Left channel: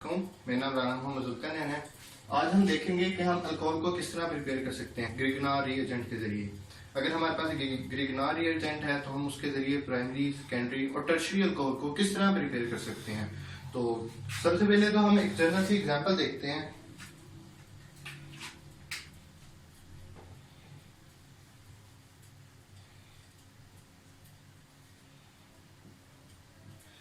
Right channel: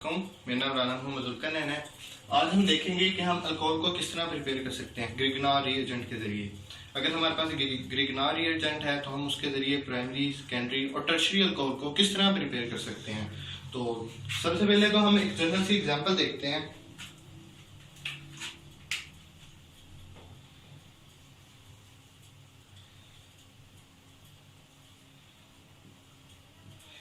मेरा नाम राना मोहम्मद जुल्करनैन है। आज हम देखेंगे कि हम अल्कोहल को किस तरह प्रिपेयर कर सकते हैं ग्रिगनार रिएजेंट के ज़रिए। अगर हमारे पास ग्रिगनार रिएजेंट है तो हम उसके ज़रिए प्राइमरी, सेकेंडरी और टर्शरी अल्कोहल को किस तरह प्रिपेयर कर सकते हैं। तो सबसे पहले तो हम एक जनरल सी एग्जांपल देखते हैं।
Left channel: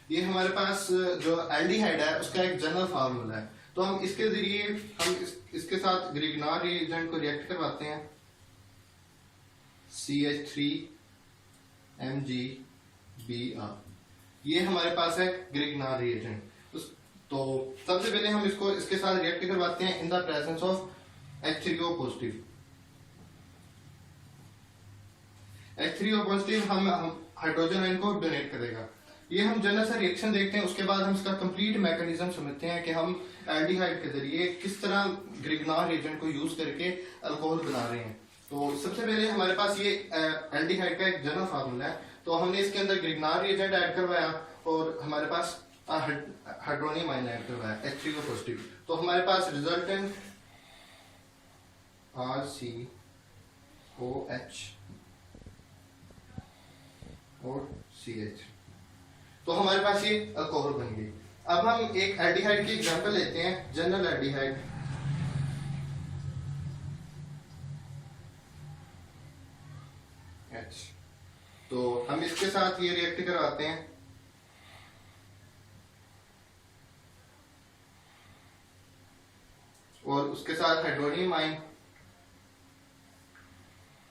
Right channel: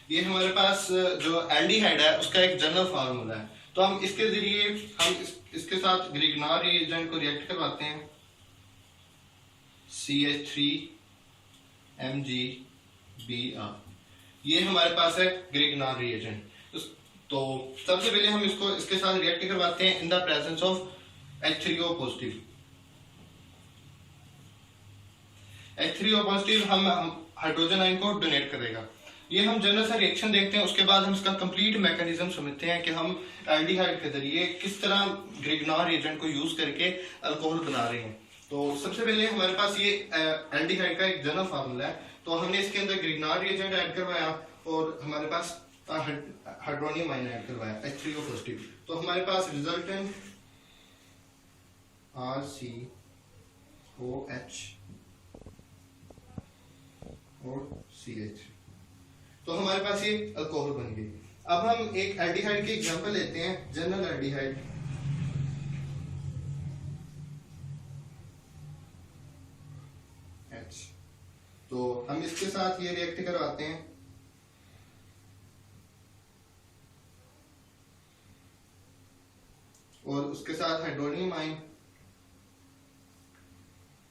ये हमारे पास जो एल्डिहाइड है उसका एक जनरल फार्मूला है। तो हम इसके जरिए इसके साथ ग्रिगनार रिएजेंट को रिएक्ट करवाते हैं। CH3MgBr, ये हमारे पास है ग्रिगनार रिएजेंट। तो सबसे पहले हम इसको इसके साथ रिएक्ट करवाते हैं in the presence of H3O positive. H3O positive हम हाइड्रोजन आयन को डोनेट करेगा। ये हम जनरल सा रिएक्शन देखते हैं, उसके बाद हम इसका कंप्लीट मैकेनिज्म समझते हैं कि हम एल्डिहाइड के जरिए किस तरह ग्रिगनार रिएजेंट को यूज करके अल्कोहल बना रहे हैं। तो सबसे पहले हमारे पास ये एल्डिहाइड का एक जनरल फार्मूला है। तो हमने इसके अंदर ग्रिगनार रिएजेंट ऐड करवाया और हमारे पास हाइड्रोनियम आयन ऐड करवाया H3O पॉजिटिव। तो हमारे पास रिजल्टेंट RCOH और CH, तो हमारे पास ये अल्कोहल बन गई। अब हम एक एल्डिहाइड की एग्जांपल लेते हैं, जनरल एल्डिहाइड। H, तो हम इसके साथ ये रिएक्ट करवाते हैं। और उसके साथ हाइड्रोनियम आयन,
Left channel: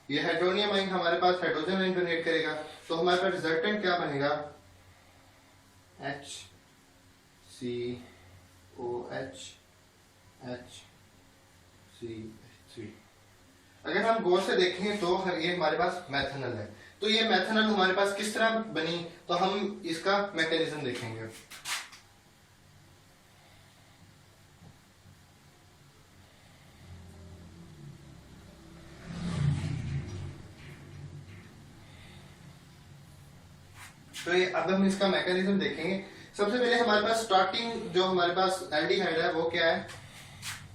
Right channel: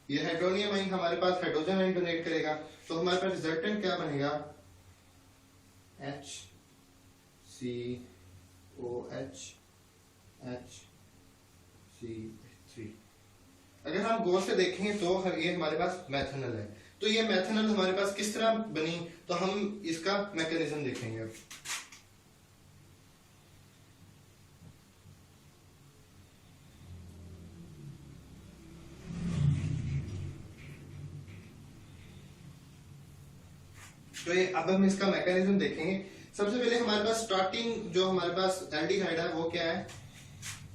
ये हाइड्रोनियम आयन हमारे पास हाइड्रोजन आयन डोनेट करेगा। तो हमारे पास रिजल्टेंट क्या बनेगा, HCOH HCH3। अगर हम गौर से देखेंगे तो ये हमारे पास मेथनॉल है। तो ये मेथनॉल हमारे पास किस तरह बनी, तो हम इसका मैकेनिज्म देखेंगे। तो ये अब हम इसका मैकेनिज्म देखेंगे। सबसे पहले हमारे पास स्टार्टिंग जो हमारे पास एल्डिहाइड है वो क्या है,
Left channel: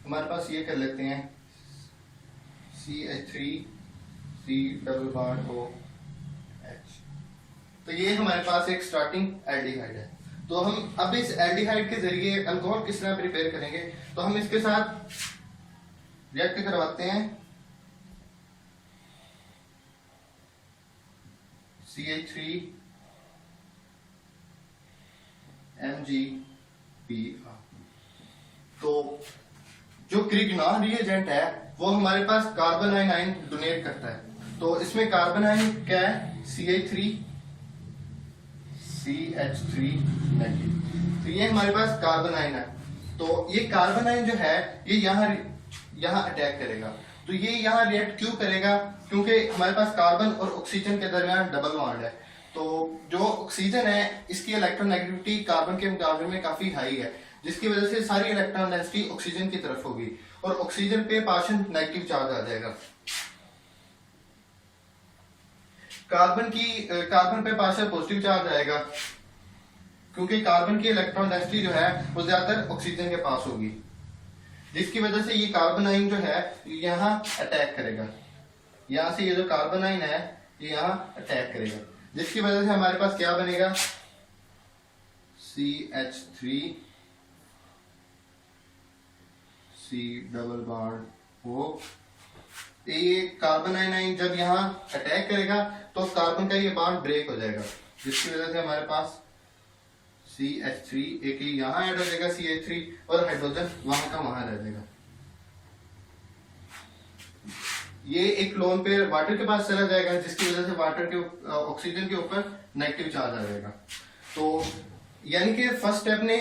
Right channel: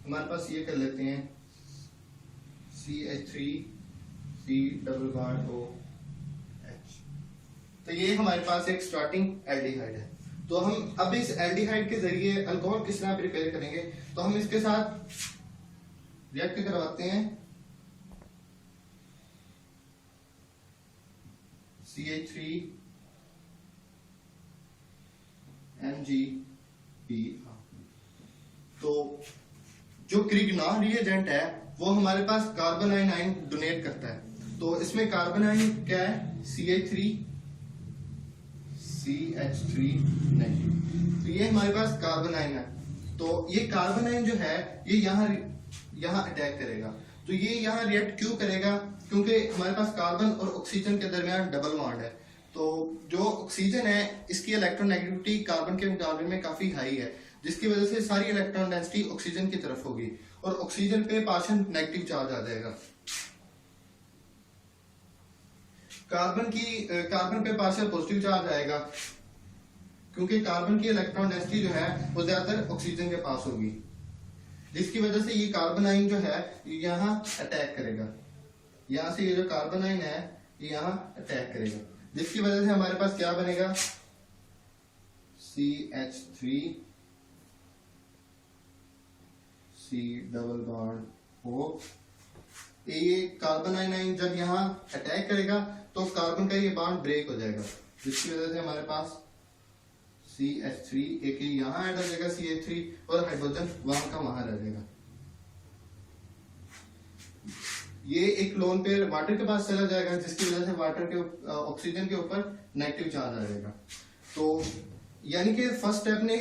हमारे पास ये कर लेते हैं CH3C♯OH। तो ये हमारे पास एक स्टार्टिंग एल्डिहाइड है। तो हम अब इस एल्डिहाइड के जरिए अल्कोहल किस तरह प्रिपेयर करेंगे, तो हम इसके साथ रिएक्ट करवाते हैं CH3MgBr। तो जो ग्रिगनार रिएजेंट है वो हमारे पास कार्बन आयन डोनेट करता है। तो इसमें कार्बन आयन क्या है, CH3 नेगेटिव। तो ये हमारे पास कार्बन आयन है। तो ये कार्बन आयन जो है ये यहाँ अटैक करेगा। तो ये यहाँ रिएक्ट क्यों करेगा, क्योंकि हमारे पास कार्बन और ऑक्सीजन के दरमियान डबल बॉन्ड है। तो जो ऑक्सीजन है इसकी इलेक्ट्रोनेगेटिविटी कार्बन के मुकाबले में काफी हाई है, जिसकी वजह से सारी इलेक्ट्रॉन डेंसिटी ऑक्सीजन की तरफ होगी और ऑक्सीजन पे पार्शियल नेगेटिव चार्ज आ जाएगा। कार्बन पे पार्शियल पॉजिटिव चार्ज आएगा, क्योंकि कार्बन की इलेक्ट्रॉन डेंसिटी जो है वो ज्यादातर ऑक्सीजन के पास होगी, जिसकी वजह से ये कार्बन आयन जो है यहाँ अटैक करेगा। यहाँ से ये जो कार्बन आयन है ये यहाँ अटैक करेगा, जिसकी वजह से हमारे पास क्या बनेगा, CH3C♯O। ये कार्बन आयन जब यहाँ अटैक करेगा तो कार्बन का ये बॉन्ड ब्रेक हो जाएगा, जिसकी वजह से हमारे पास CH3 एक यहाँ ऐड हो जाएगा CH3 और हाइड्रोजन वहां का वहां रह जाएगा। ये एक लोन पेयर वाटर के पास चला जाएगा, जिसकी वजह से वाटर के ऑक्सीजन के ऊपर नेगेटिव चार्ज आ जाएगा। तो यानी कि फर्स्ट स्टेप ने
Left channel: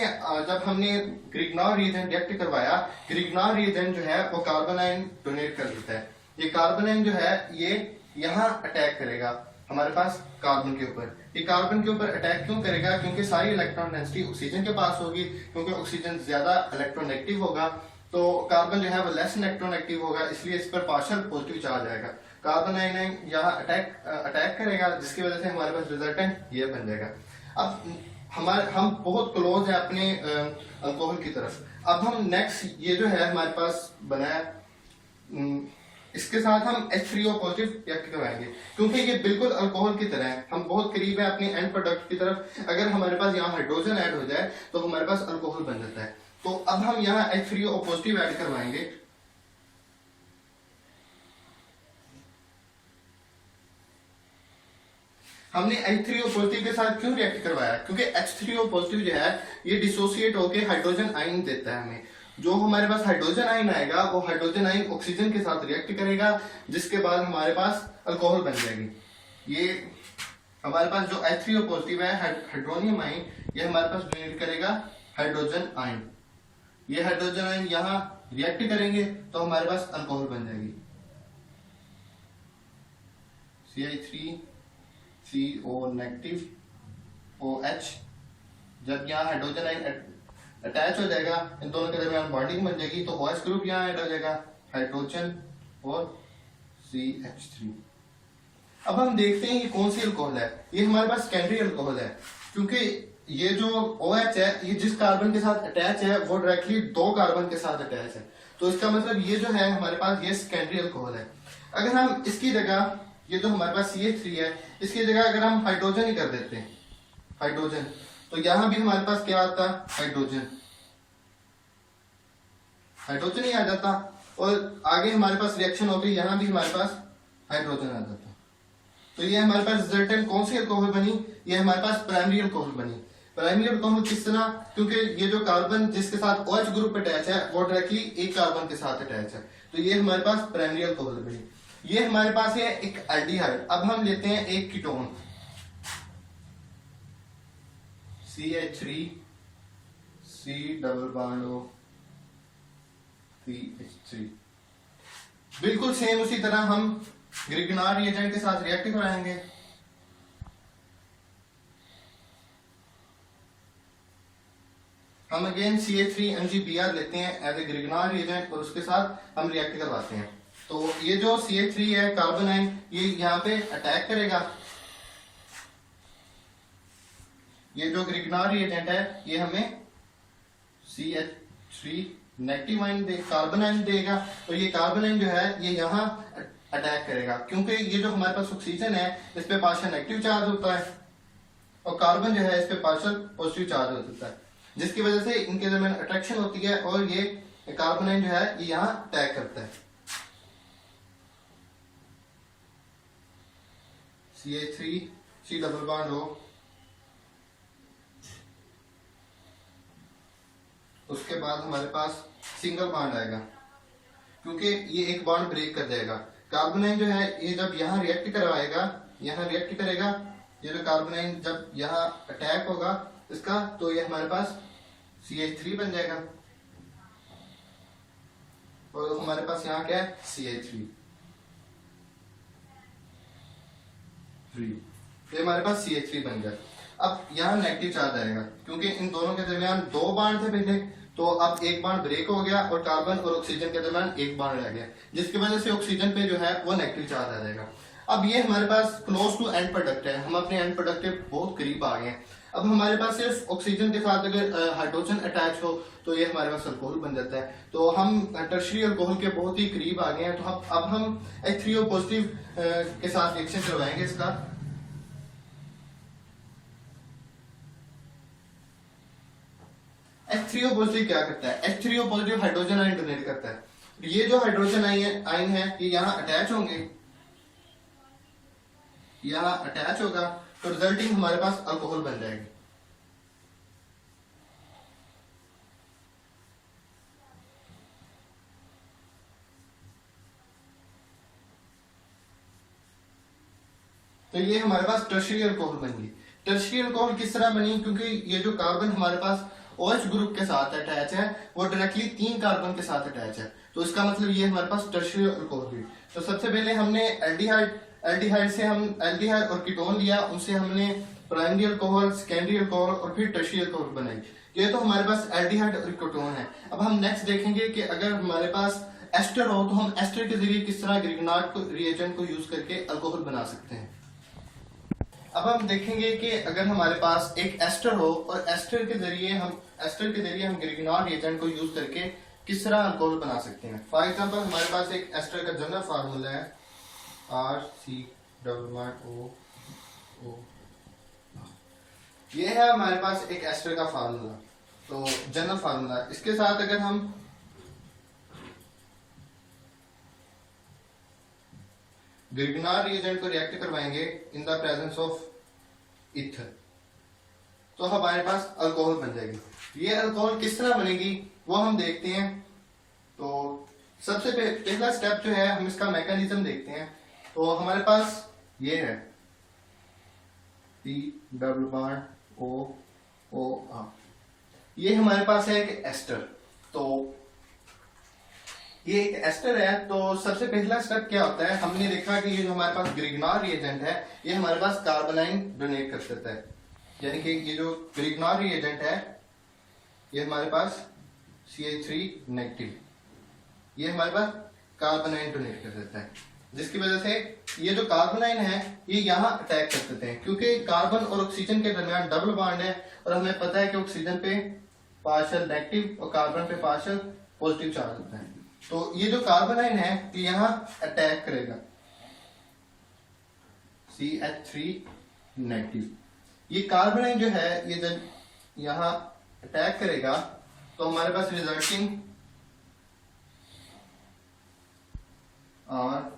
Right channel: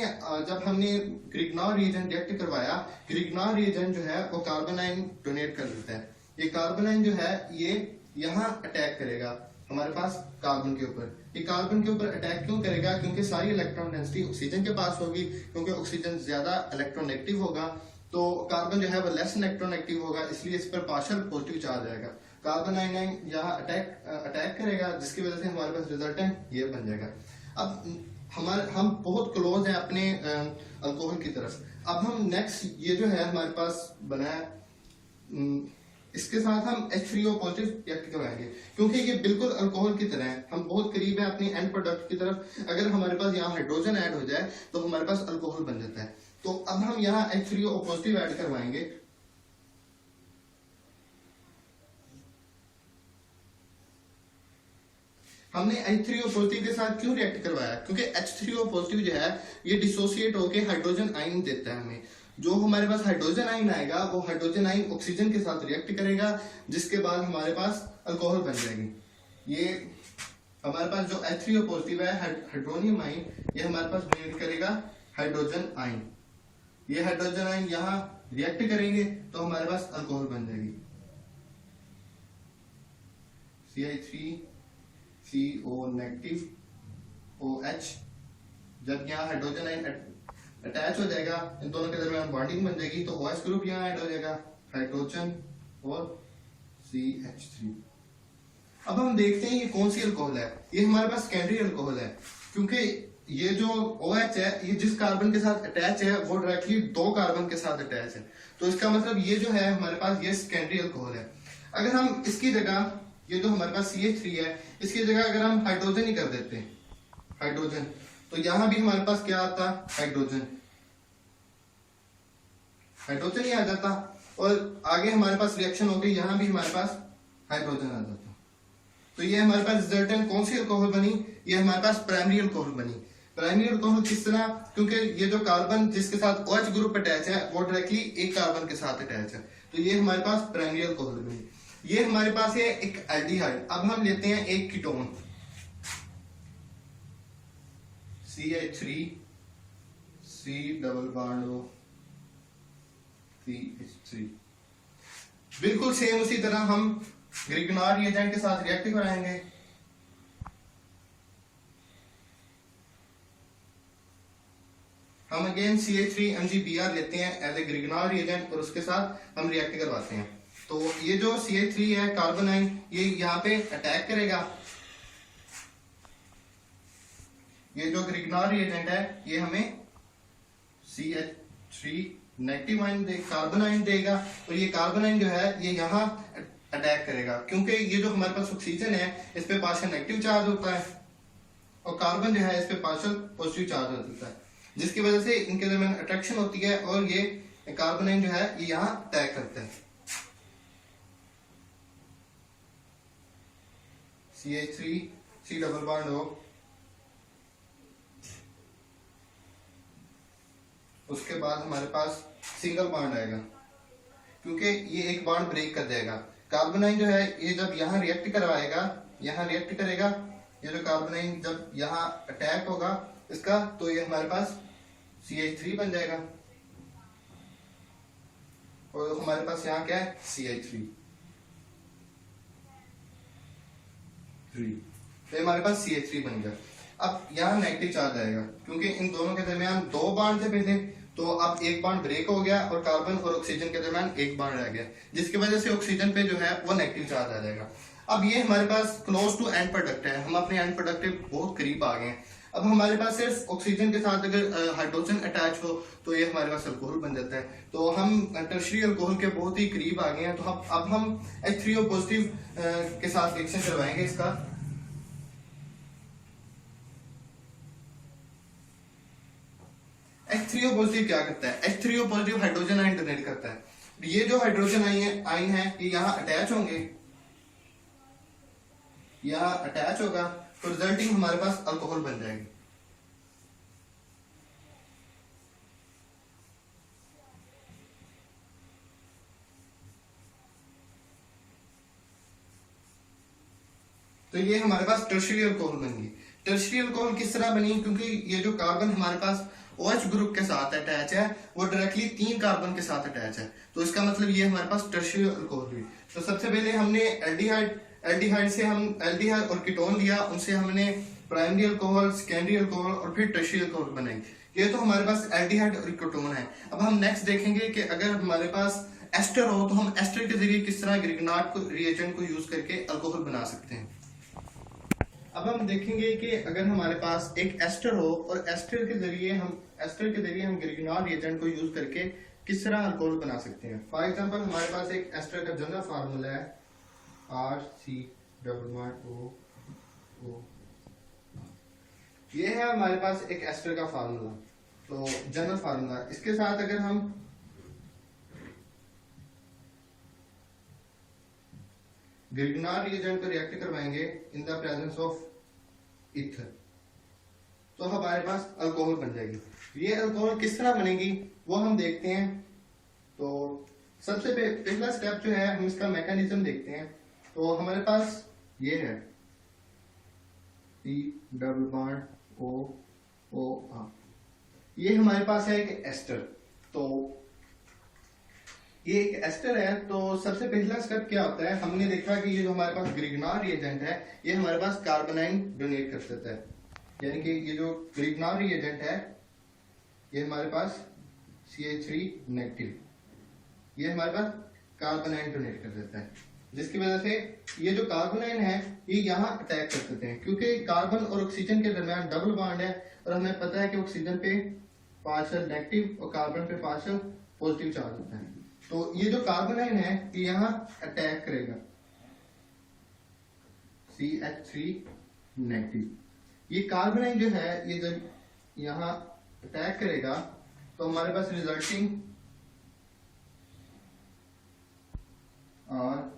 जब हमने ग्रिगनार रिएजेंट रिएक्ट करवाया, ग्रिगनार रिएजेंट जो है वो कार्बन आयन डोनेट कर देता है। ये कार्बन आयन जो है ये यहाँ अटैक करेगा हमारे पास कार्बन के ऊपर। ये कार्बन के ऊपर अटैक क्यों करेगा, क्योंकि सारी इलेक्ट्रॉन डेंसिटी ऑक्सीजन के पास होगी, क्योंकि ऑक्सीजन ज्यादा इलेक्ट्रोनेगेटिव होगा। तो कार्बन जो है वो लेस इलेक्ट्रोनेगेटिव होगा, इसलिए इस पर पार्शियल पॉजिटिव चार्ज आएगा। कार्बन आयन यहाँ अटैक करेगा, जिसकी वजह से हमारे पास रिजल्टेंट ये बन जाएगा। अब हम बहुत क्लोज है अपने अल्कोहल की तरफ। अब हम नेक्स्ट ये जो है हमारे पास बना है, इसके साथ हम H3O पॉजिटिव रिएक्ट करवाएंगे, क्योंकि ये बिल्कुल अल्कोहल की तरह है, हम बहुत करीब है अपनी एंड प्रोडक्ट की तरफ। अगर हमारे पास यहाँ हाइड्रोजन ऐड हो जाए तो हमारे पास अल्कोहल बन जाता है। तो अब हम यहाँ H3O पॉजिटिव ऐड करवाएंगे। हमने H3O पॉजिटिव के साथ क्यों रिएक्ट करवाया, क्योंकि H3O पॉजिटिव जो है ये डिसोसिएट होकर हाइड्रोजन आयन देता है हमें। जो हमारे पास हाइड्रोजन आयन आएगा वो हाइड्रोजन आयन ऑक्सीजन के साथ रिएक्ट करेगा, जिसके बाद हमारे पास अल्कोहल बन जाएगी। ये हमारे पास जो H3O पॉजिटिव है हाइड्रोनियम आयन, ये हमारे पास डोनेट करेगा हाइड्रोजन आयन। ये हाइड्रोजन आयन यहाँ रिएक्ट करेंगे तो हमारे पास अल्कोहल बन जाएगी CH3CO नेगेटिव OH। जब यहाँ हाइड्रोजन आयन अटैच हो जाएगा, इन दोनों के दरमियान बॉन्डिंग बन जाएगी, तो OH ग्रुप यहाँ ऐड हो जाएगा, हाइड्रोजन और CH3। अब हम देखते हैं ये कौन सी अल्कोहल है। ये हमारे पास सेकेंडरी अल्कोहल है, क्योंकि ये जो OH है ये जिस कार्बन के साथ अटैच है वो डायरेक्टली 2 कार्बन के साथ अटैच है। तो इसका मतलब ये जो है हमारे पास ये सेकेंडरी अल्कोहल है। अगर हम इसकी जगह ये जो हमारे पास CH3 है, इसकी जगह अगर हम हाइड्रोजन ही कर देते हैं, हाइड्रोजन, तो यहां भी हमारे पास क्या आता, हाइड्रोजन, हाइड्रोजन ही आ जाता, और आगे हमारे पास रिएक्शन हो गई, यहां भी हमारे पास हाइड्रोजन आ जाता। तो ये हमारे पास रिजल्टेंट कौन सी अल्कोहल बनी, ये हमारे पास प्राइमरी अल्कोहल बनी। प्राइमरी अल्कोहल किस तरह, क्योंकि ये जो कार्बन जिसके साथ OH ग्रुप अटैच है वो डायरेक्टली एक कार्बन के साथ अटैच है, तो ये हमारे पास प्राइमरी अल्कोहल बनी। ये हमारे पास है एक एल्डिहाइड। अब हम लेते हैं एक ketone CH3 C double bond O CH3। बिल्कुल सेम उसी तरह हम ग्रिगनार रिएजेंट के साथ रिएक्ट कराएंगे। हम अगेन CH3MgBr लेते हैं एज ए ग्रिगनार रिएजेंट और उसके साथ हम रिएक्ट करवाते हैं। तो ये जो CH3 है कार्बन आयन, ये यहाँ पे अटैक करेगा। ये जो ग्रिगनार रिएजेंट है ये हमें CH3 negative ion carbon ion देगा, और ये कार्बन आयन जो है ये यहाँ अटैक करेगा, क्योंकि ये जो हमारे पास ऑक्सीजन है इस पे पार्शियल नेगेटिव चार्ज होता है और कार्बन जो है इस पे पार्शियल पॉजिटिव चार्ज होता है, जिसकी वजह से इनके दरमियान अट्रैक्शन होती है और ये कार्बन आयन जो है ये यहाँ अटैक करता है। CH3 C double bond O, उसके बाद हमारे पास सिंगल बॉन्ड आएगा, क्योंकि ये एक बॉन्ड ब्रेक कर जाएगा। कार्बन आयन जो है ये जब यहाँ रिएक्ट करवाएगा, यहाँ रिएक्ट करेगा, ये जो कार्बन आयन जब यहाँ अटैक होगा इसका, तो ये हमारे पास CH3 बन जाएगा, और हमारे पास यहाँ क्या है CH3। तो हमारे पास CH3 बन गया। अब यहाँ नेगेटिव चार्ज आएगा, क्योंकि इन दोनों के दरमियान 2 बॉन्ड थे पहले, तो अब एक बॉन्ड ब्रेक हो गया और कार्बन और ऑक्सीजन के दरमियान एक बॉन्ड रह गया, जिसकी वजह से ऑक्सीजन पे जो है वो नेगेटिव चार्ज आ जाएगा। अब ये हमारे पास क्लोज टू एंड प्रोडक्ट है, हम अपने एंड प्रोडक्ट के बहुत करीब आ गए हैं। अब हमारे पास सिर्फ ऑक्सीजन के साथ अगर हाइड्रोजन अटैच हो तो ये हमारे पास अल्कोहल बन जाता है। तो हम टर्शरी अल्कोहल के बहुत ही करीब आ गए हैं। तो अब हम H3O पॉजिटिव के साथ रिएक्शन करवाएंगे इसका। H3O पॉजिटिव क्या करता है, H3O positive hydrogen ion donate करता है। ये जो हाइड्रोजन आयन है ये यहाँ अटैच होंगे, यहाँ अटैच होगा, तो रिजल्टिंग हमारे पास अल्कोहल बन जाएगी। तो ये हमारे पास टर्शियरी अल्कोहल बन गई। टर्शियरी अल्कोहल किस तरह बनी, क्योंकि ये जो कार्बन हमारे पास OH ग्रुप के साथ अटैच है वो डायरेक्टली 3 कार्बन के साथ अटैच है, तो इसका मतलब ये हमारे पास टर्शियरी अल्कोहल हुई। तो सबसे पहले हमने एल्डिहाइड से हम एल्डिहाइड और कीटोन लिया, उनसे हमने प्राइमरी अल्कोहल, सेकेंडरी अल्कोहल और फिर टर्शियरी अल्कोहल बनाई। ये तो हमारे पास एल्डिहाइड और कीटोन है। अब हम नेक्स्ट देखेंगे कि अगर हमारे पास एस्टर हो तो हम एस्टर के जरिए किस तरह ग्रिगनार्ड रिएजेंट को यूज करके अल्कोहल बना सकते हैं। अब हम देखेंगे कि अगर हमारे पास एक एस्टर हो और एस्टर के जरिए हम ग्रिग्नॉल रिएजेंट को यूज करके किस तरह अल्कोहल बना सकते हैं। फॉर एग्जांपल हमारे पास एक एस्टर का जनरल फार्मूला है RC O। ये है हमारे पास एक एस्टर का फार्मूला, तो जनरल फार्मूला। इसके साथ अगर हम ग्रिग्नॉल रिएजेंट को रिएक्ट करवाएंगे in the presence of ether, तो हमारे पास अल्कोहल बन जाएगी। ये अल्कोहल किस तरह बनेगी वो हम देखते हैं। तो सबसे पहला स्टेप जो है, हम इसका मैकेनिज्म देखते हैं। तो हमारे पास ये है COOR, ये हमारे पास है एक एस्टर। तो ये एक एस्टर है, तो सबसे पहला स्टेप क्या होता है, हमने देखा कि ये जो हमारे पास ग्रिग्नॉल रिएजेंट है ये हमारे पास कार्बोनाइन डोनेट कर सकता है, यानी कि ये जो ग्रिग्नॉल रिएजेंट है ये हमारे पास CH3 नेगेटिव, ये हमारे पास कार्बोनाइन डोनेट कर देता है, जिसकी वजह से ये जो कार्बोनाइन है ये यहाँ अटैक कर सकते हैं, क्योंकि कार्बन और ऑक्सीजन के दरमियान डबल बॉन्ड है और हमें पता है कि ऑक्सीजन पे पार्शियल नेगेटिव और कार्बन पे पार्शियल पॉजिटिव चार्ज होता है। तो ये जो कार्बोनाइन है ये यहाँ अटैक करेगा CH3 नेगेटिव। ये कार्बोनाइन जो है ये जब यहाँ अटैक करेगा तो हमारे पास रिजल्टिंग और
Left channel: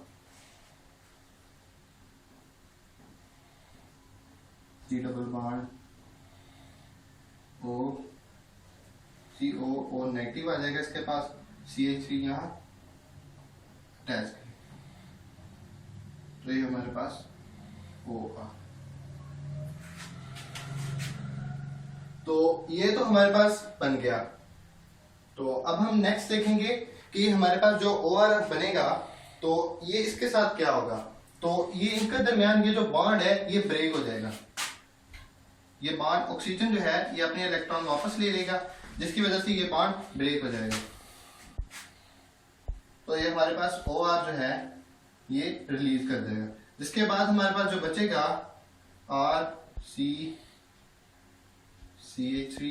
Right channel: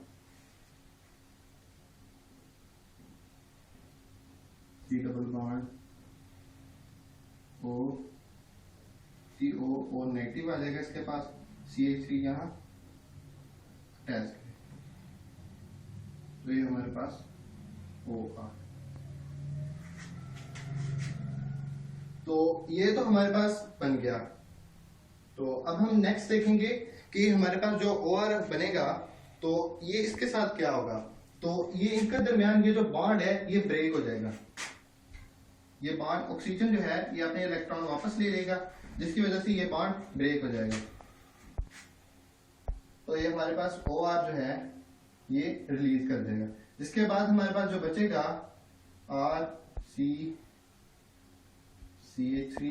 C double bond O COO negative आ जाएगा, इसके पास CH3 यहाँ अटैच करें तो ये हमारे पास OR। तो ये तो हमारे पास बन गया। तो अब हम नेक्स्ट देखेंगे कि हमारे पास जो OR बनेगा तो ये इसके साथ क्या होगा। तो ये इनके दरमियान ये जो बॉन्ड है ये ब्रेक हो जाएगा, ये बॉन्ड ऑक्सीजन जो है ये अपने इलेक्ट्रॉन वापस ले लेगा, जिसकी वजह से ये बॉन्ड ब्रेक हो जाएगा। तो ये हमारे पास OR जो है ये रिलीज कर देगा, जिसके बाद हमारे पास जो बचेगा CH3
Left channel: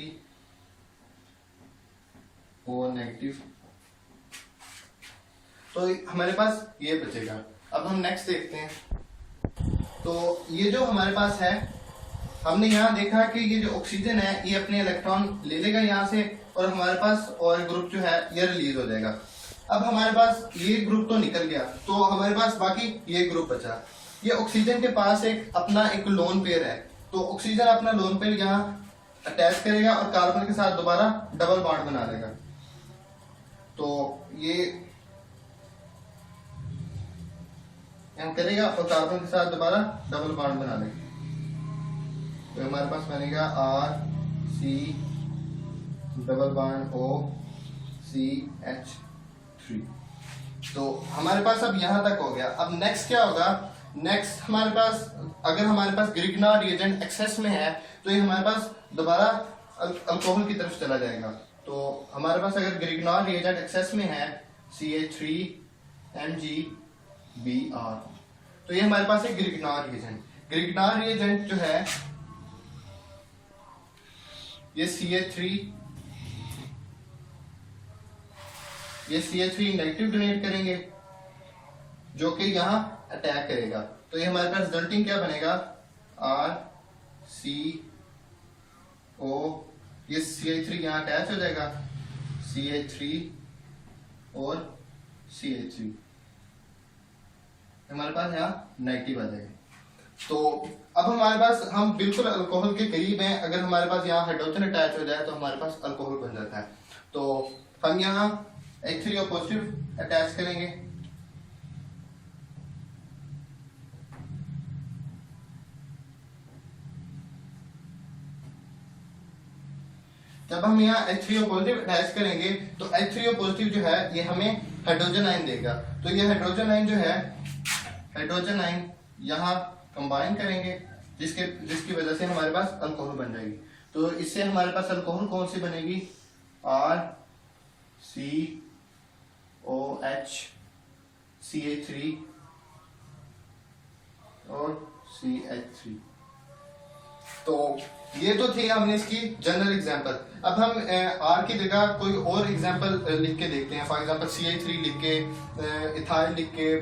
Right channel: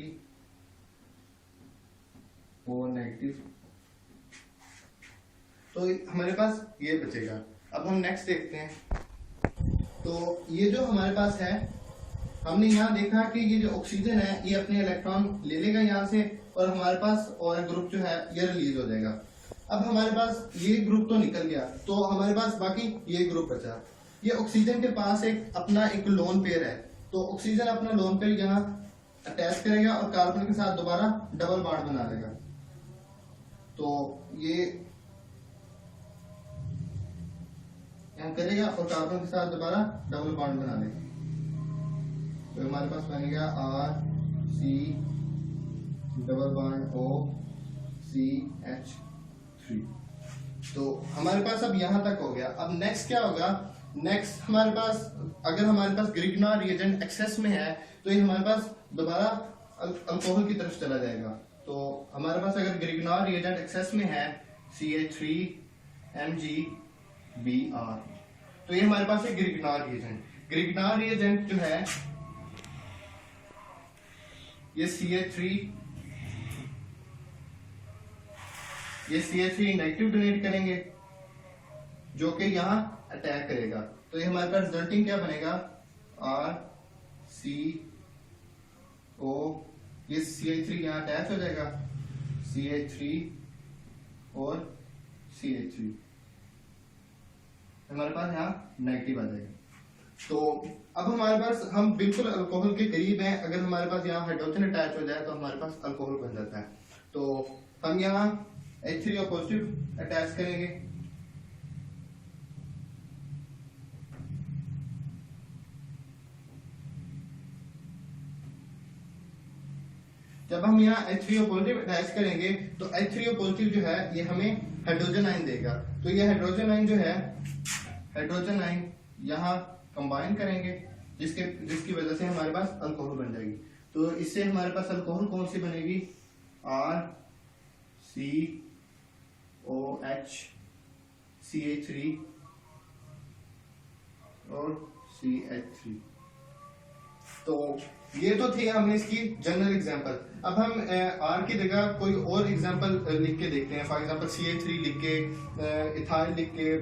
O नेगेटिव, तो हमारे पास ये बचेगा। अब हम नेक्स्ट देखते हैं। तो ये जो हमारे पास है, हमने यहाँ देखा कि ये जो ऑक्सीजन है ये अपने इलेक्ट्रॉन ले लेगा यहाँ से और हमारे पास और ग्रुप जो है ये रिलीज हो जाएगा। अब हमारे पास ये ग्रुप तो निकल गया, तो हमारे पास बाकी ये ग्रुप बचा। ये ऑक्सीजन के पास अपना एक लोन पेयर है, तो ऑक्सीजन अपना लोन पेयर यहाँ अटैच करेगा और कार्बन के साथ दोबारा डबल बॉन्ड बना देगा। तो ये करेगा और कार्बन के साथ दोबारा डबल बॉन्ड बना देगा, तो हमारे पास बनेगा RC double bond O CH3। तो हमारे पास अब यहाँ तक हो गया। अब नेक्स्ट क्या होगा, नेक्स्ट हमारे पास अगर हमारे पास ग्रिग्नॉल रिएजेंट एक्सेस में है तो ये हमारे पास दोबारा अल्कोहल की तरफ चला जाएगा। तो हमारे पास अगर ग्रिग्नॉल रिएजेंट एक्सेस में है CH3 MgBr, तो ये हमारे पास है ग्रिग्नॉल रिएजेंट। ग्रिग्नॉल रिएजेंट जो है ये CH3 नेगेटिव डोनेट करेंगे जो कि यहाँ अटैक करेगा। तो ये हमारे पास रिजल्टिंग क्या बनेगा RCO, ये CH3 यहाँ अटैच हो जाएगा CH3 और CH3, हमारे पास यहाँ नेगेटिव आ जाएगा। तो अब हमारे पास हम बिल्कुल अल्कोहल के करीब हैं। अगर हमारे पास यहाँ हाइड्रोजन अटैच हो जाए तो हमारे पास अल्कोहल बन जाता है। तो हम यहाँ H3O पॉजिटिव अटैच करेंगे, जब हम यहाँ H3O पॉजिटिव अटैच करेंगे तो H3O पॉजिटिव जो है ये हमें हाइड्रोजन आयन देगा। तो ये हाइड्रोजन आयन जो है, हाइड्रोजन आयन यहाँ कंबाइन करेंगे, जिसकी वजह से हमारे पास अल्कोहल बन जाएगी। तो इससे हमारे पास अल्कोहल कौन सी बनेगी, RCOH CH3 और CH3। तो ये तो थी हमने इसकी जनरल एग्जांपल। अब हम आर की जगह कोई और एग्जांपल लिख के देखते हैं। फॉर एग्जांपल CH3 लिख के, इथाइल लिख के,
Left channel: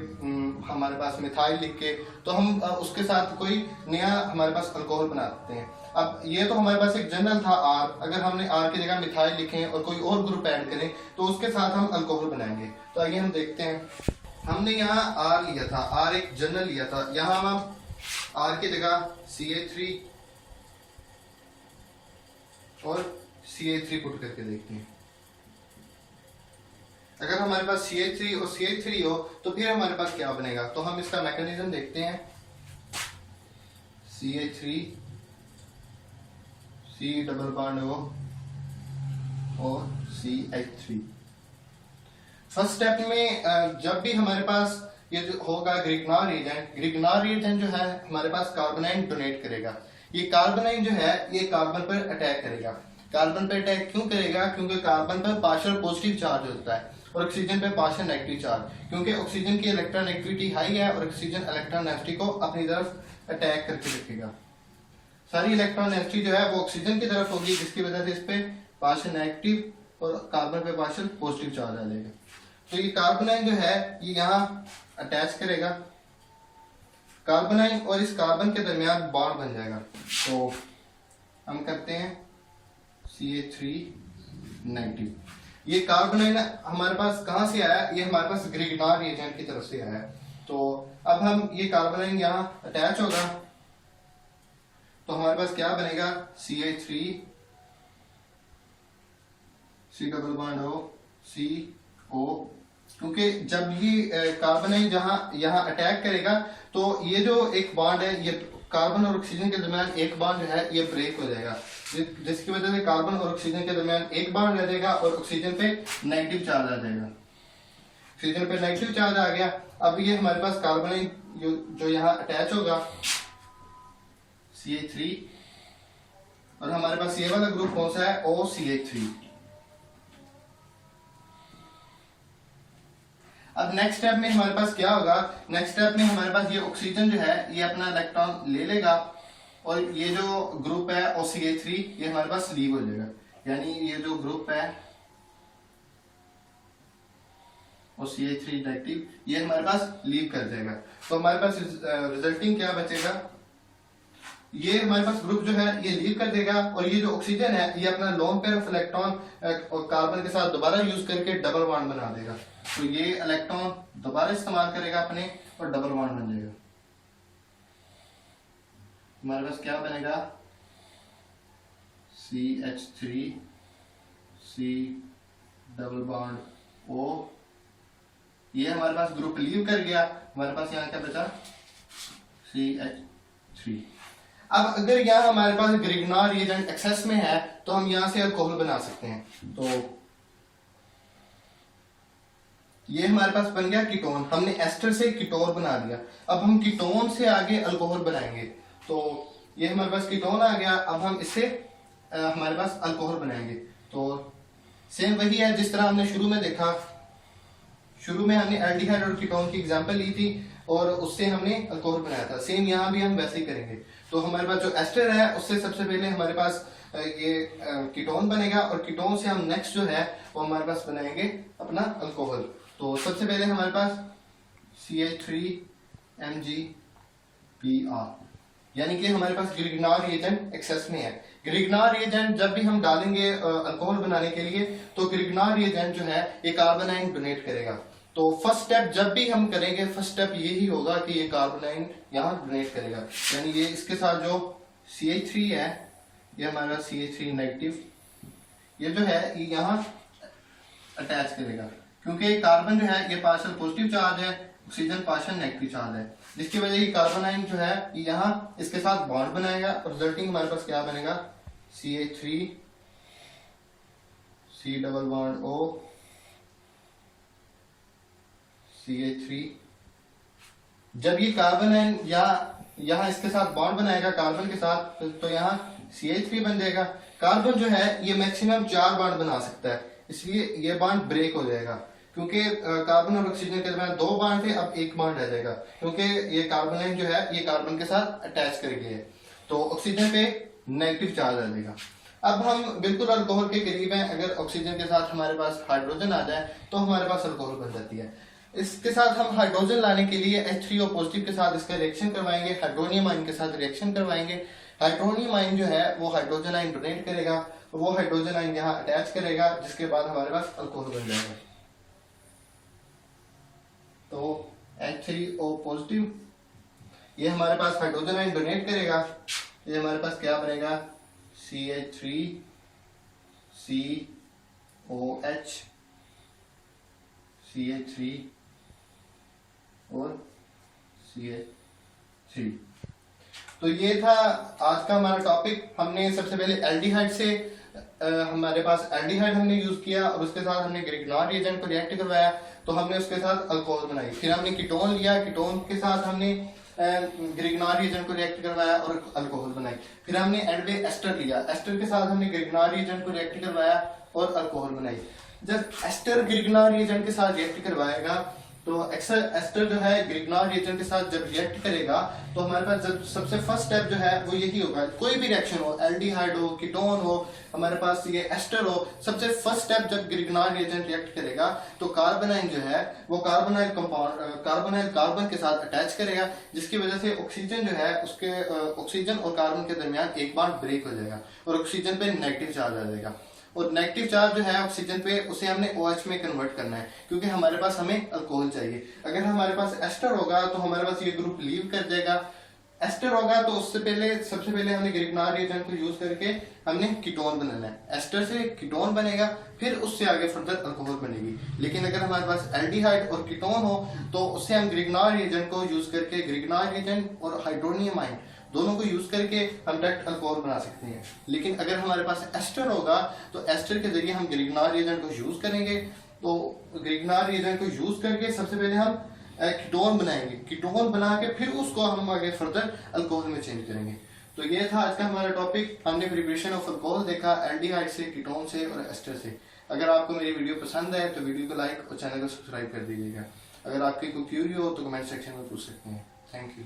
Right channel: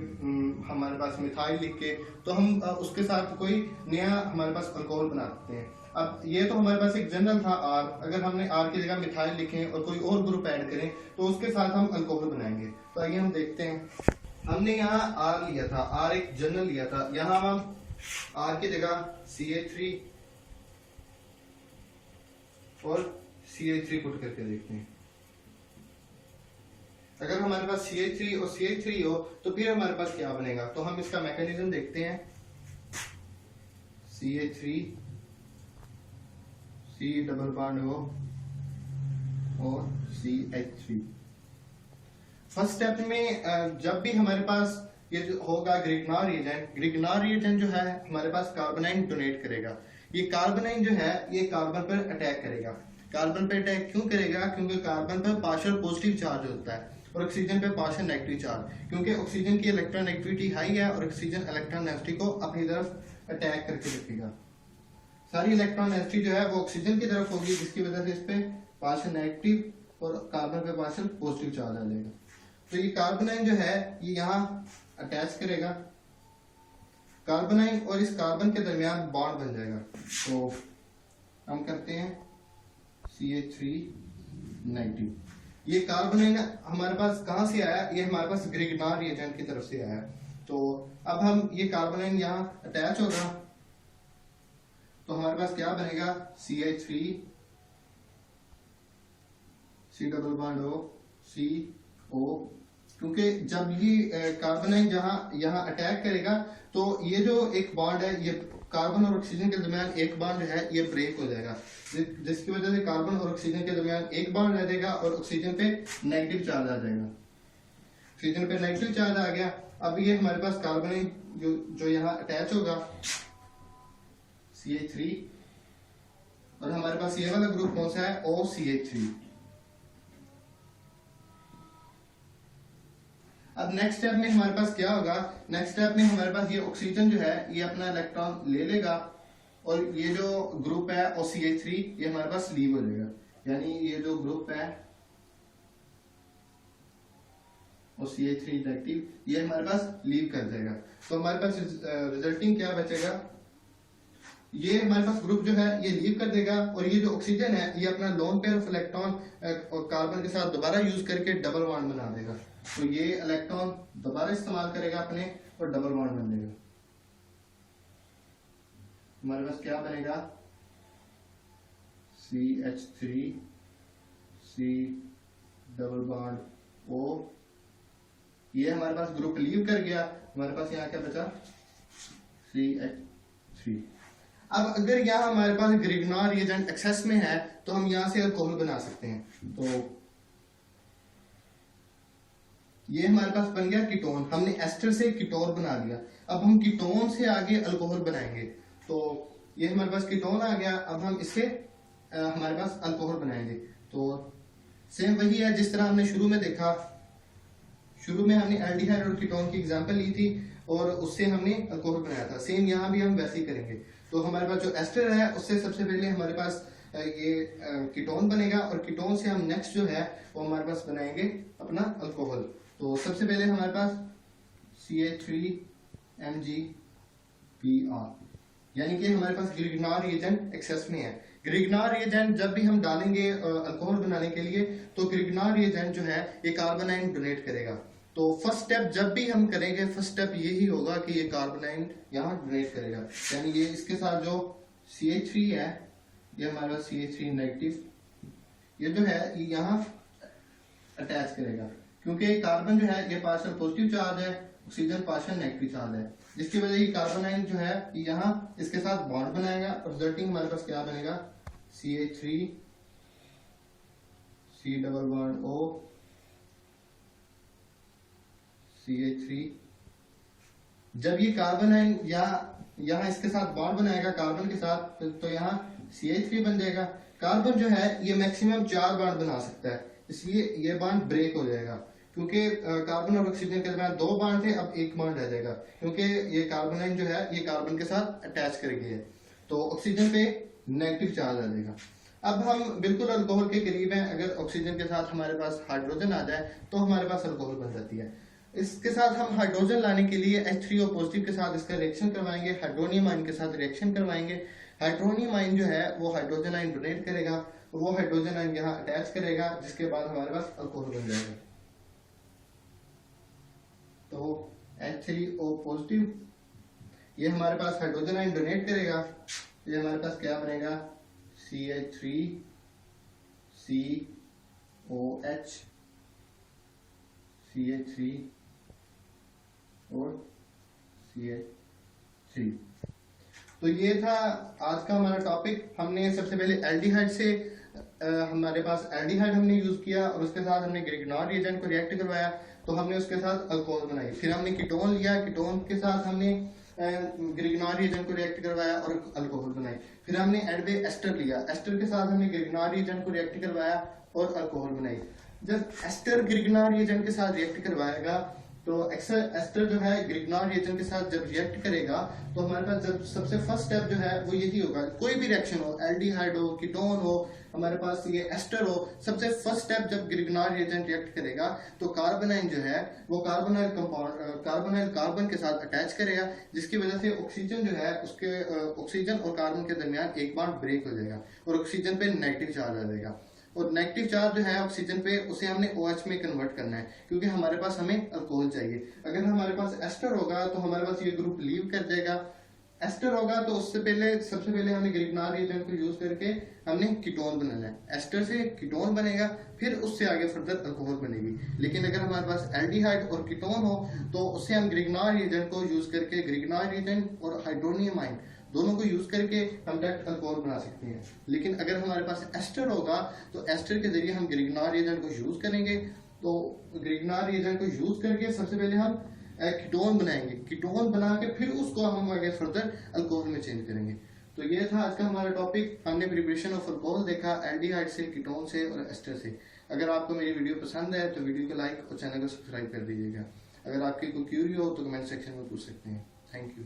हमारे पास मिथाइल लिख के, तो हम उसके साथ कोई नया हमारे पास अल्कोहल बनाते हैं। अब ये तो हमारे पास एक जनरल था आर, अगर हमने आर की जगह मिथाइल लिखें और कोई और ग्रुप ऐड करें तो उसके साथ हम अल्कोहल बनाएंगे। तो आइए हम देखते हैं। हमने यहाँ आर लिया था, आर एक जनरल लिया था, यहाँ हम आर की जगह CH3 और CH3 पुट करके देखते हैं। अगर हमारे पास CH3 और CH3 हो तो फिर हमारे पास क्या बनेगा, तो हम इसका मैकेनिज्म देखते हैं। CH3 C double bond O और CH3। फर्स्ट स्टेप में जब भी हमारे पास ये जो होगा ग्रिग्नॉर रिएजेंट जो है हमारे पास कार्बोनाइन डोनेट करेगा। ये कार्बोनाइन जो है ये कार्बन पर अटैक करेगा। कार्बन पर अटैक क्यों करेगा, क्योंकि कार्बन पर पार्शियल पॉजिटिव चार्ज होता है और ऑक्सीजन पे पार्शियल नेगेटिव चार्ज, क्योंकि ऑक्सीजन की इलेक्ट्रॉन नेगेटिविटी हाई है और ऑक्सीजन इलेक्ट्रॉन नेगेटिविटी को अपनी तरफ अटैक करके रखेगा। सारी इलेक्ट्रॉन नेगेटिविटी जो है वो ऑक्सीजन की तरफ होगी, जिसकी वजह से इस पे पार्शियल नेगेटिव और कार्बन पे पार्शियल पॉजिटिव चार्ज आ जाएगा। तो ये कार्बोनाइन जो है ये यहाँ अटैच करेगा, कार्बोनाइन और इस कार्बन के दरमियान बॉन्ड बन जाएगा। तो हम करते हैं CH3 नेगेटिव। ये कार्बोनाइन हमारे पास कहाँ से आया, ये हमारे पास ग्रिग्नॉर रिएजेंट की तरफ से आया। तो अब हम ये कार्बोनाइन यहाँ अटैच होगा तो हमारे पास क्या बनेगा, CH3 C double bond O CO, क्योंकि जब ये कार्बोनाइन जहां यहाँ अटैक करेगा तो ये जो एक बॉन्ड है, ये कार्बन और ऑक्सीजन के दरमियान एक बॉन्ड जो है ये ब्रेक हो जाएगा, जिसकी वजह से कार्बन और ऑक्सीजन के दरमियान एक बॉन्ड रह जाएगा और ऑक्सीजन पे नेगेटिव चार्ज आ जाएगा। ऑक्सीजन पे नेगेटिव चार्ज आ गया। अब ये हमारे पास कार्बोनाइन जो यहाँ अटैच होगा CH3 और हमारे पास ये वाला ग्रुप कौन सा है, OCH3। अब नेक्स्ट स्टेप में हमारे पास क्या होगा, नेक्स्ट स्टेप में हमारे पास ये ऑक्सीजन जो है ये अपना इलेक्ट्रॉन ले लेगा और ये जो ग्रुप है OCH3 ये हमारे पास लीव हो जाएगा, यानी ये जो ग्रुप है OCH3 नेगेटिव ये हमारे पास लीव कर देगा। तो हमारे पास रिजल्टिंग क्या बचेगा, ये हमारे पास ग्रुप जो है ये लीव कर देगा और ये जो ऑक्सीजन है ये अपना लोन पेयर ऑफ इलेक्ट्रॉन और कार्बन के साथ दोबारा यूज करके डबल बॉन्ड बना देगा। तो ये इलेक्ट्रॉन दोबारा इस्तेमाल करेगा अपने और डबल बॉन्ड बन जाएगा। हमारे पास क्या बनेगा, CH3 C double bond O, ये हमारे पास ग्रुप लीव कर गया। हमारे पास यहाँ क्या बचा, CH3। अब अगर यहाँ हमारे पास ग्रिग्नॉर रिएजेंट एक्सेस में है तो हम यहाँ से अल्कोहल बना सकते हैं। तो ये हमारे पास बन गया कीटोन, हमने एस्टर से कीटोन बना दिया। अब हम कीटोन से आगे अल्कोहल बनाएंगे। तो ये हमारे पास कीटोन आ गया, अब हम इससे हमारे पास अल्कोहल बनाएंगे। तो सेम वही है जिस तरह हमने शुरू में देखा, शुरू में हमने एल्डिहाइड और कीटोन की एग्जांपल ली थी और उससे हमने अल्कोहल बनाया था। सेम यहाँ भी हम वैसे ही करेंगे। तो हमारे पास जो एस्टर है उससे सबसे पहले हमारे पास ये कीटोन बनेगा और कीटोन से हम नेक्स्ट जो है वो हमारे पास बनाएंगे अपना अल्कोहल। तो सबसे पहले हमारे पास CH3MgBr, यानी कि हमारे पास ग्रिग्नॉर रिएजेंट एक्सेस में है। ग्रिग्नॉर रिएजेंट जब भी हम डालेंगे अल्कोहल बनाने के लिए तो ग्रिग्नॉर रिएजेंट जो है ये कार्बोनाइन डोनेट करेगा। तो फर्स्ट स्टेप जब भी हम करेंगे फर्स्ट स्टेप यही होगा कि ये कार्बोनाइन यहाँ डोनेट करेगा, यानी ये इसके साथ जो CH3 है ये हमारा CH3 नेगेटिव ये जो है ये यहाँ अटैच करेगा, क्योंकि कार्बन जो है ये पार्शियल पॉजिटिव चार्ज है, ऑक्सीजन पार्शियल नेगेटिव चार्ज है, जिसकी वजह से कार्बोनाइन जो है ये यहाँ इसके साथ बॉन्ड बनाएगा और रिजल्टिंग हमारे पास क्या बनेगा, CH3 C double bond O CH3। जब ये कार्बोनाइन यहाँ इसके साथ बॉन्ड बनाएगा कार्बन के साथ तो यहाँ CH3 बन जाएगा। कार्बन जो है ये मैक्सिमम 4 बॉन्ड बना सकता है, इसलिए ये बॉन्ड ब्रेक हो जाएगा, क्योंकि कार्बन और ऑक्सीजन के दरमियान 2 बॉन्ड थे, अब 1 बॉन्ड रह जाएगा, क्योंकि ये कार्बोनाइन जो है ये कार्बन के साथ अटैच कर गया है। तो ऑक्सीजन पे नेगेटिव चार्ज आ जाएगा। अब हम बिल्कुल अल्कोहल के करीब हैं, अगर ऑक्सीजन के साथ हमारे पास हाइड्रोजन आ जाए तो हमारे पास अल्कोहल बन जाती है। इसके साथ हम हाइड्रोजन लाने के लिए H3O पॉजिटिव के साथ इसका रिएक्शन करवाएंगे, हाइड्रोनियम आयन के साथ रिएक्शन करवाएंगे। हाइड्रोनियम आयन जो है वो हाइड्रोजन आयन डोनेट करेगा, वो हाइड्रोजन आयन यहाँ अटैच करेगा, जिसके बाद हमारे पास अल्कोहल बन जाएगा। तो H3O पॉजिटिव ये हमारे पास हाइड्रोजन आयन डोनेट करेगा, ये हमारे पास क्या बनेगा CH3COH, CH3 और CH3। तो ये था आज का हमारा टॉपिक। हमने सबसे पहले एल्डिहाइड से हमारे पास एल्डिहाइड हमने यूज किया और उसके साथ हमने ग्रिग्नॉर रिएजेंट को रिएक्ट करवाया, तो हमने उसके साथ अल्कोहल बनाई। फिर हमने कीटोन लिया, कीटोन के साथ हमने ग्रिग्नॉर रिएजेंट को रिएक्ट करवाया और अल्कोहल बनाई। फिर हमने एंड में एस्टर लिया, एस्टर के साथ हमने ग्रिग्नॉर रिएजेंट को रिएक्ट करवाया और अल्कोहल बनाई। जब एस्टर ग्रिग्नॉर रिएजेंट के साथ रिएक्ट करवाएगा तो एस्टर जो है ग्रिग्नॉर रिएजेंट के साथ जब रिएक्ट करेगा तो हमारे पास जब सबसे फर्स्ट स्टेप जो है वो यही होगा। कोई भी रिएक्शन हो, एल्डिहाइड हो, कीटोन हो, हमारे पास ये एस्टर हो, सबसे फर्स्ट स्टेप जब ग्रिग्नॉर रिएजेंट रिएक्ट करेगा तो कार्बोनाइल जो है वो कार्बोनाइल कंपाउंड कार्बन के साथ अटैच करेगा, जिसकी वजह से ऑक्सीजन जो है उसके ऑक्सीजन और कार्बन के दरमियान एक बार ब्रेक हो जाएगा और ऑक्सीजन पे नेगेटिव चार्ज आ जाएगा। और नेगेटिव चार्ज जो है ऑक्सीजन पे उसे हमने OH में कन्वर्ट करना है, क्योंकि हमारे पास हमें अल्कोहल चाहिए। अगर हमारे पास एस्टर होगा तो हमारे पास ये ग्रुप लीव कर देगा। एस्टर होगा तो उससे पहले सबसे पहले हमने ग्रिग्नॉर रिएजेंट को यूज करके हमने कीटोन बनाना है। एस्टर से कीटोन बनेगा, फिर उससे आगे फर्दर अल्कोहल बनेगी। लेकिन अगर हमारे पास एल्डिहाइड और कीटोन हो तो उससे हम ग्रिग्नॉर रिएजेंट को यूज करके ग्रिग्नॉर रिएजेंट और हाइड्रोनियम आयन दोनों को यूज करके हम डायरेक्ट अल्कोहल बना सकते हैं। लेकिन अगर हमारे पास एस्टर होगा तो एस्टर के जरिए हम ग्रिग्नॉर रिएजेंट को यूज करेंगे। तो ग्रिग्नॉर रिएजेंट को यूज करके सबसे पहले हम कीटोन बनाएंगे, कीटोन बना के फिर उसको हम आगे फर्दर अल्कोहल में चेंज करेंगे। तो ये था आज का हमारा टॉपिक। हमने प्रिपरेशन ऑफ अल्कोहल देखा एल्डिहाइड से, कीटोन से और एस्टर से। अगर आपको मेरी वीडियो पसंद है तो वीडियो को लाइक और चैनल को सब्सक्राइब कर दीजिएगा। अगर आपकी कोई क्यूरी हो तो कमेंट सेक्शन में पूछ सकते हैं। Thank you.